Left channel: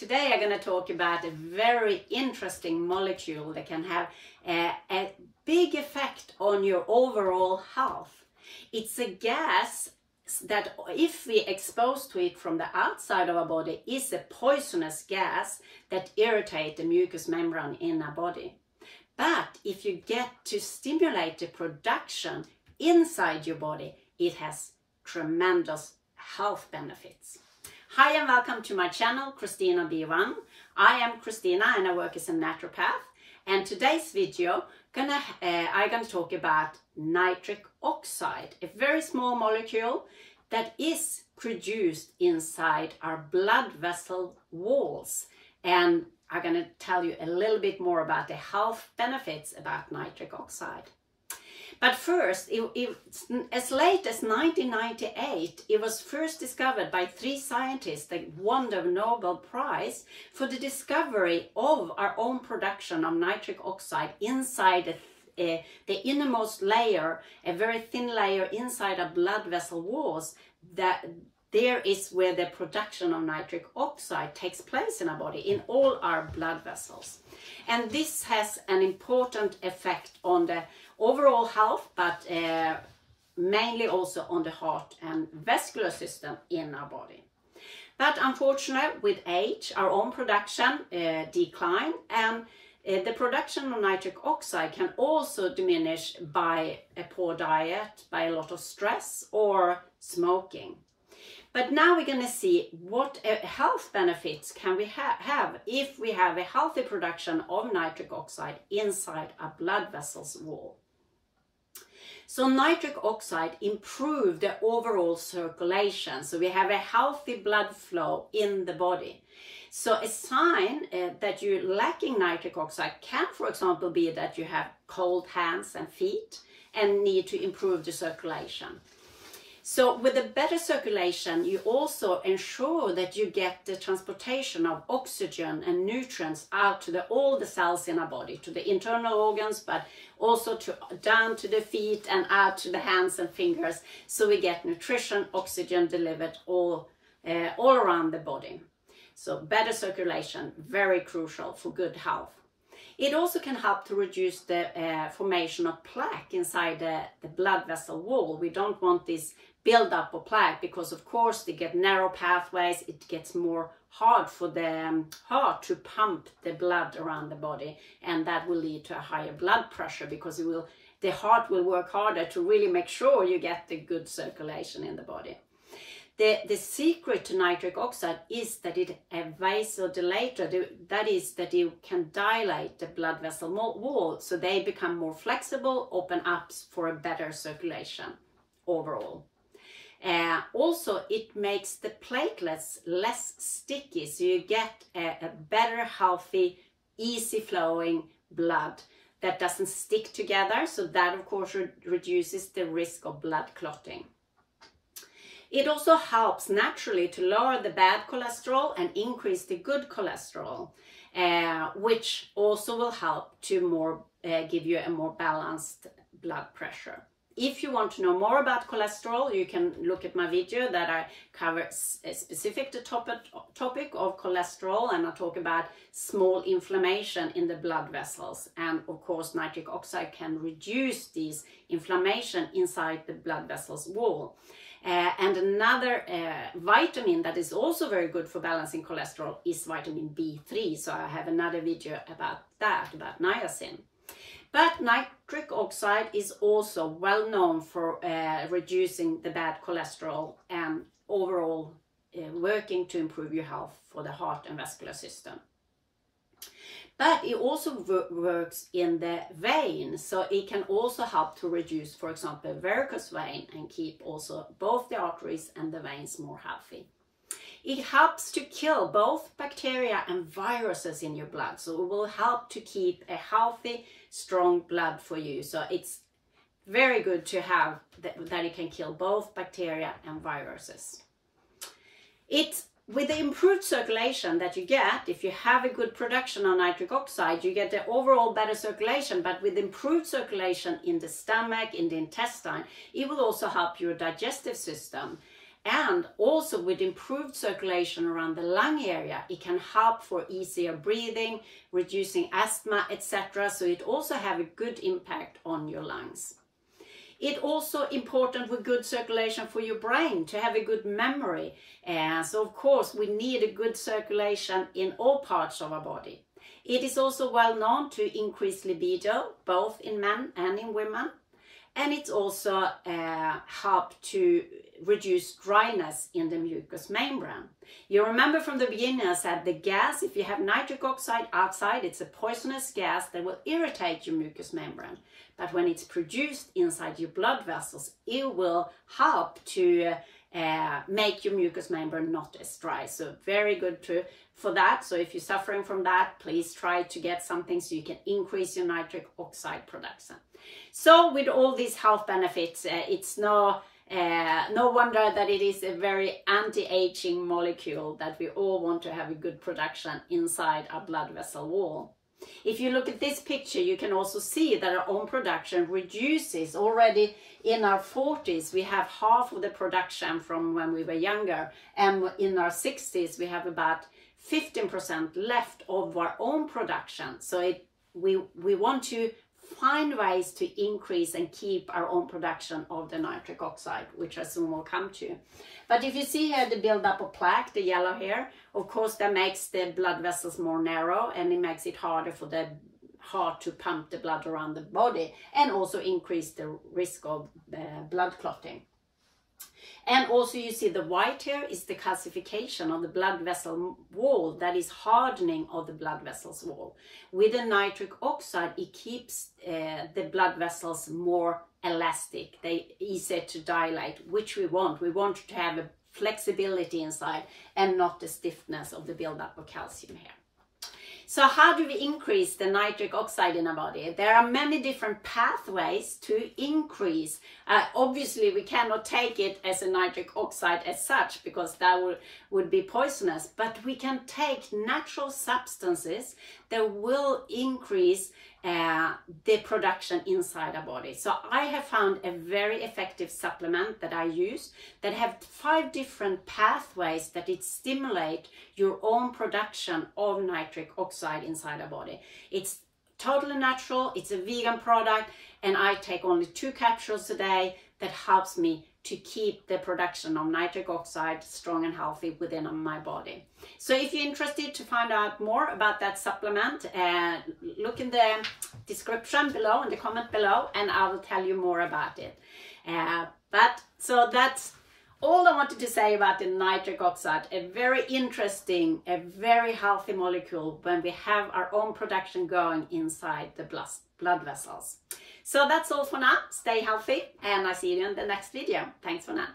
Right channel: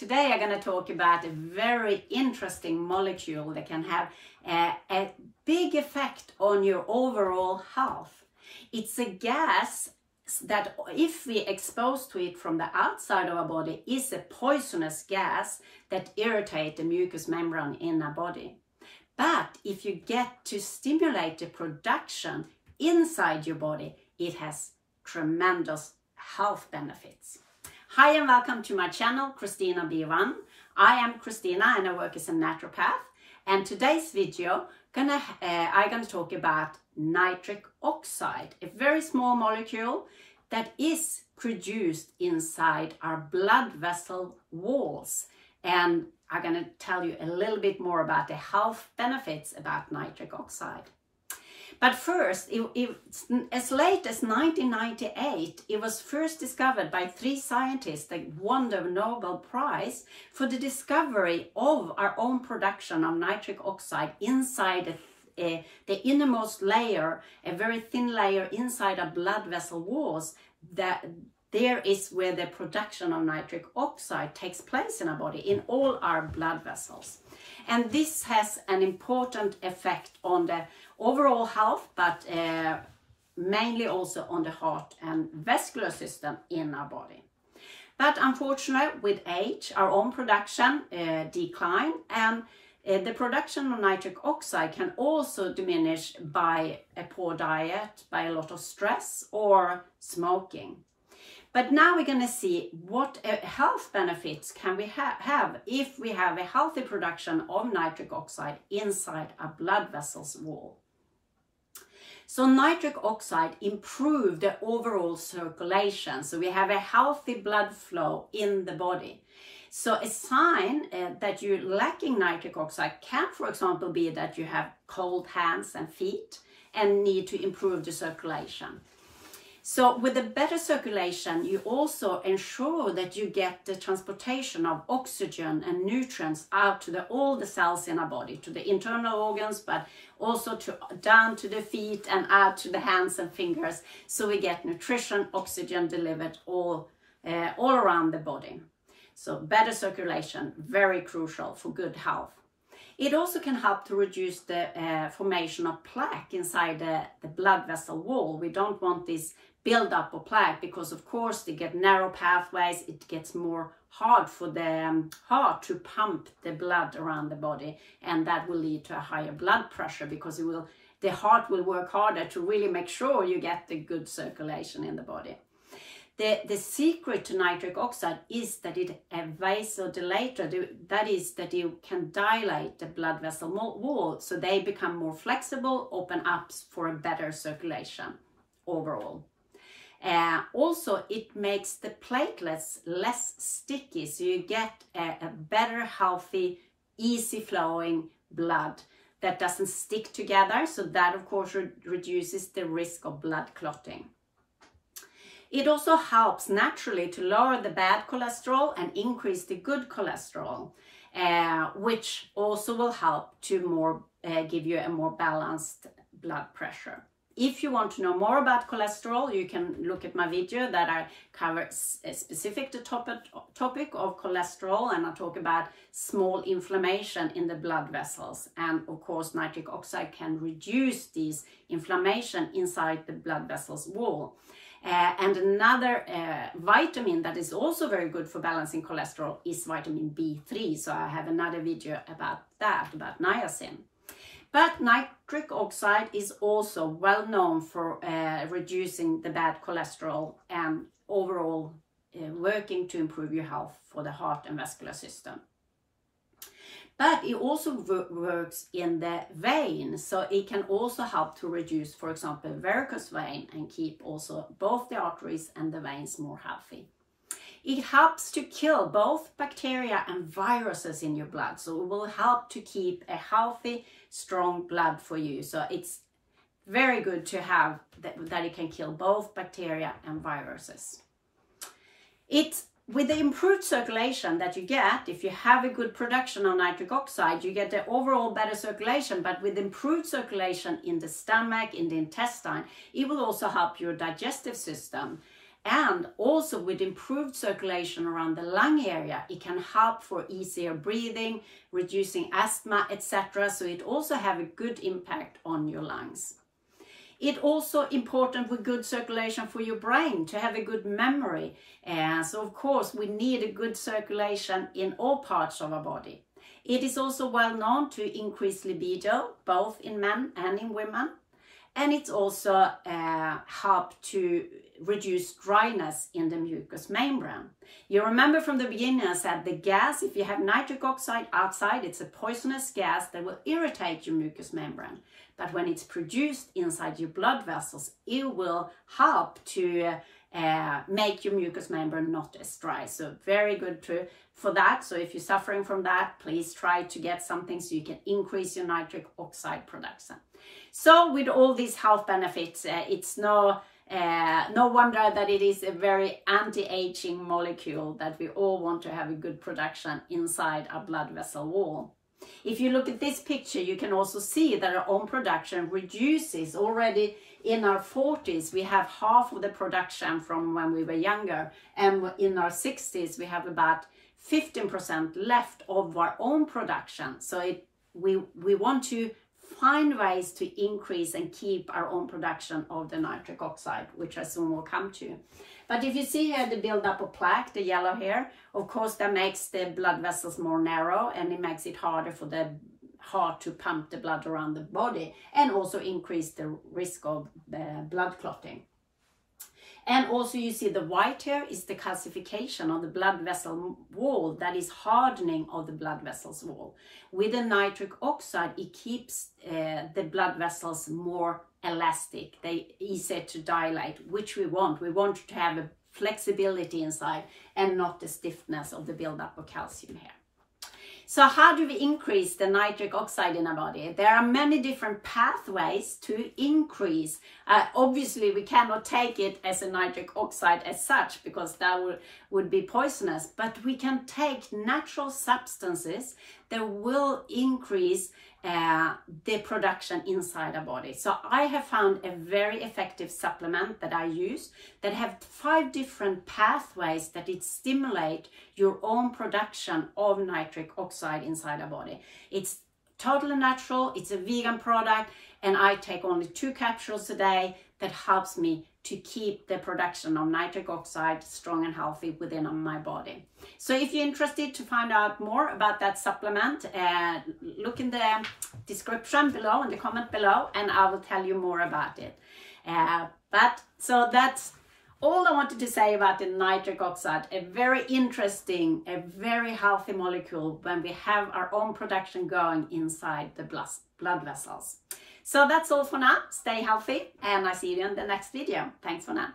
Today I'm going to talk about a very interesting molecule that can have a big effect on your overall health. It's a gas that, if we expose to it from the outside of our body, is a poisonous gas that irritates the mucous membrane in our body. But if you get to stimulate the production inside your body, it has tremendous health benefits. Hi and welcome to my channel, Kristina B1. I am Kristina and I work as a naturopath. And today's video, I'm gonna talk about nitric oxide, a very small molecule that is produced inside our blood vessel walls. And I'm gonna tell you a little bit more about the health benefits about nitric oxide. But first, as late as 1998, it was first discovered by 3 scientists that won the Nobel Prize for the discovery of our own production of nitric oxide inside the innermost layer, a very thin layer inside our blood vessel walls. That there is where the production of nitric oxide takes place in our body, in all our blood vessels. And this has an important effect on the overall health, but mainly also on the heart and vascular system in our body. But unfortunately, with age, our own production decline, and the production of nitric oxide can also diminish by a poor diet, by a lot of stress or smoking. But now we're going to see what health benefits can we have if we have a healthy production of nitric oxide inside our blood vessels wall. So nitric oxide improves the overall circulation, so we have a healthy blood flow in the body. So a sign that you're lacking nitric oxide can, for example, be that you have cold hands and feet and need to improve the circulation. So with a better circulation, you also ensure that you get the transportation of oxygen and nutrients out to all the cells in our body, to the internal organs, but also down to the feet and out to the hands and fingers. So we get nutrition, oxygen delivered all around the body. So better circulation, very crucial for good health. It also can help to reduce the formation of plaque inside the blood vessel wall. We don't want this build-up of plaque because, of course, they get narrow pathways. It gets more hard for the heart to pump the blood around the body, and that will lead to a higher blood pressure because the heart will work harder to really make sure you get the good circulation in the body. The secret to nitric oxide is that it's a vasodilator, that is that you can dilate the blood vessel wall so they become more flexible, open up for a better circulation overall. Also, it makes the platelets less sticky, so you get a better, healthy, easy flowing blood that doesn't stick together, so that of course reduces the risk of blood clotting. It also helps naturally to lower the bad cholesterol and increase the good cholesterol, which also will help to give you a more balanced blood pressure. If you want to know more about cholesterol, you can look at my video that I cover a specific topic of cholesterol, and I talk about small inflammation in the blood vessels. And of course, nitric oxide can reduce these inflammation inside the blood vessels wall. And another vitamin that is also very good for balancing cholesterol is vitamin B3. So I have another video about that, about niacin. But nitric oxide is also well known for reducing the bad cholesterol and overall working to improve your health for the heart and vascular system. But it also works in the vein, so it can also help to reduce, for example, varicose vein and keep also both the arteries and the veins more healthy. It helps to kill both bacteria and viruses in your blood, so it will help to keep a healthy, strong blood for you. So it's very good to have that it can kill both bacteria and viruses. With the improved circulation that you get, if you have a good production of nitric oxide, you get the overall better circulation, but with improved circulation in the stomach, in the intestine, it will also help your digestive system. And also with improved circulation around the lung area, it can help for easier breathing, reducing asthma, etc. So it also have a good impact on your lungs. It's also important with good circulation for your brain, to have a good memory. So of course we need a good circulation in all parts of our body. It is also well known to increase libido, both in men and in women. And it's also helped to reduce dryness in the mucous membrane. You remember from the beginning I said the gas, if you have nitric oxide outside, it's a poisonous gas that will irritate your mucous membrane. But when it's produced inside your blood vessels, it will help to make your mucous membrane not as dry. So very good for that. So if you're suffering from that, please try to get something so you can increase your nitric oxide production. So with all these health benefits, it's no wonder that it is a very anti-aging molecule that we all want to have a good production inside our blood vessel wall. If you look at this picture, you can also see that our own production reduces already in our 40s. We have half of the production from when we were younger, and in our 60s we have about 15% left of our own production. So we want to find ways to increase and keep our own production of the nitric oxide, which I soon will come to. But if you see here the buildup of plaque, the yellow here, of course that makes the blood vessels more narrow, and it makes it harder for the heart to pump the blood around the body, and also increase the risk of blood clotting. And also you see the white here is the calcification of the blood vessel wall, that is hardening of the blood vessels wall. With the nitric oxide, it keeps the blood vessels more elastic, they easier to dilate, which we want. We want to have a flexibility inside and not the stiffness of the buildup of calcium here. So how do we increase the nitric oxide in our body? There are many different pathways to increase. Obviously, we cannot take it as a nitric oxide as such, because that would be poisonous. But we can take natural substances that will increase the production inside our body. So I have found a very effective supplement that I use that have 5 different pathways that it stimulate your own production of nitric oxide inside our body. It's totally natural, it's a vegan product, and I take only 2 capsules a day that helps me to keep the production of nitric oxide strong and healthy within my body. So if you're interested to find out more about that supplement, look in the description below, in the comment below, and I will tell you more about it. So that's all I wanted to say about the nitric oxide. A very interesting, a very healthy molecule when we have our own production going inside the blood vessels. So that's all for now. Stay healthy, and I see you in the next video. Thanks for now.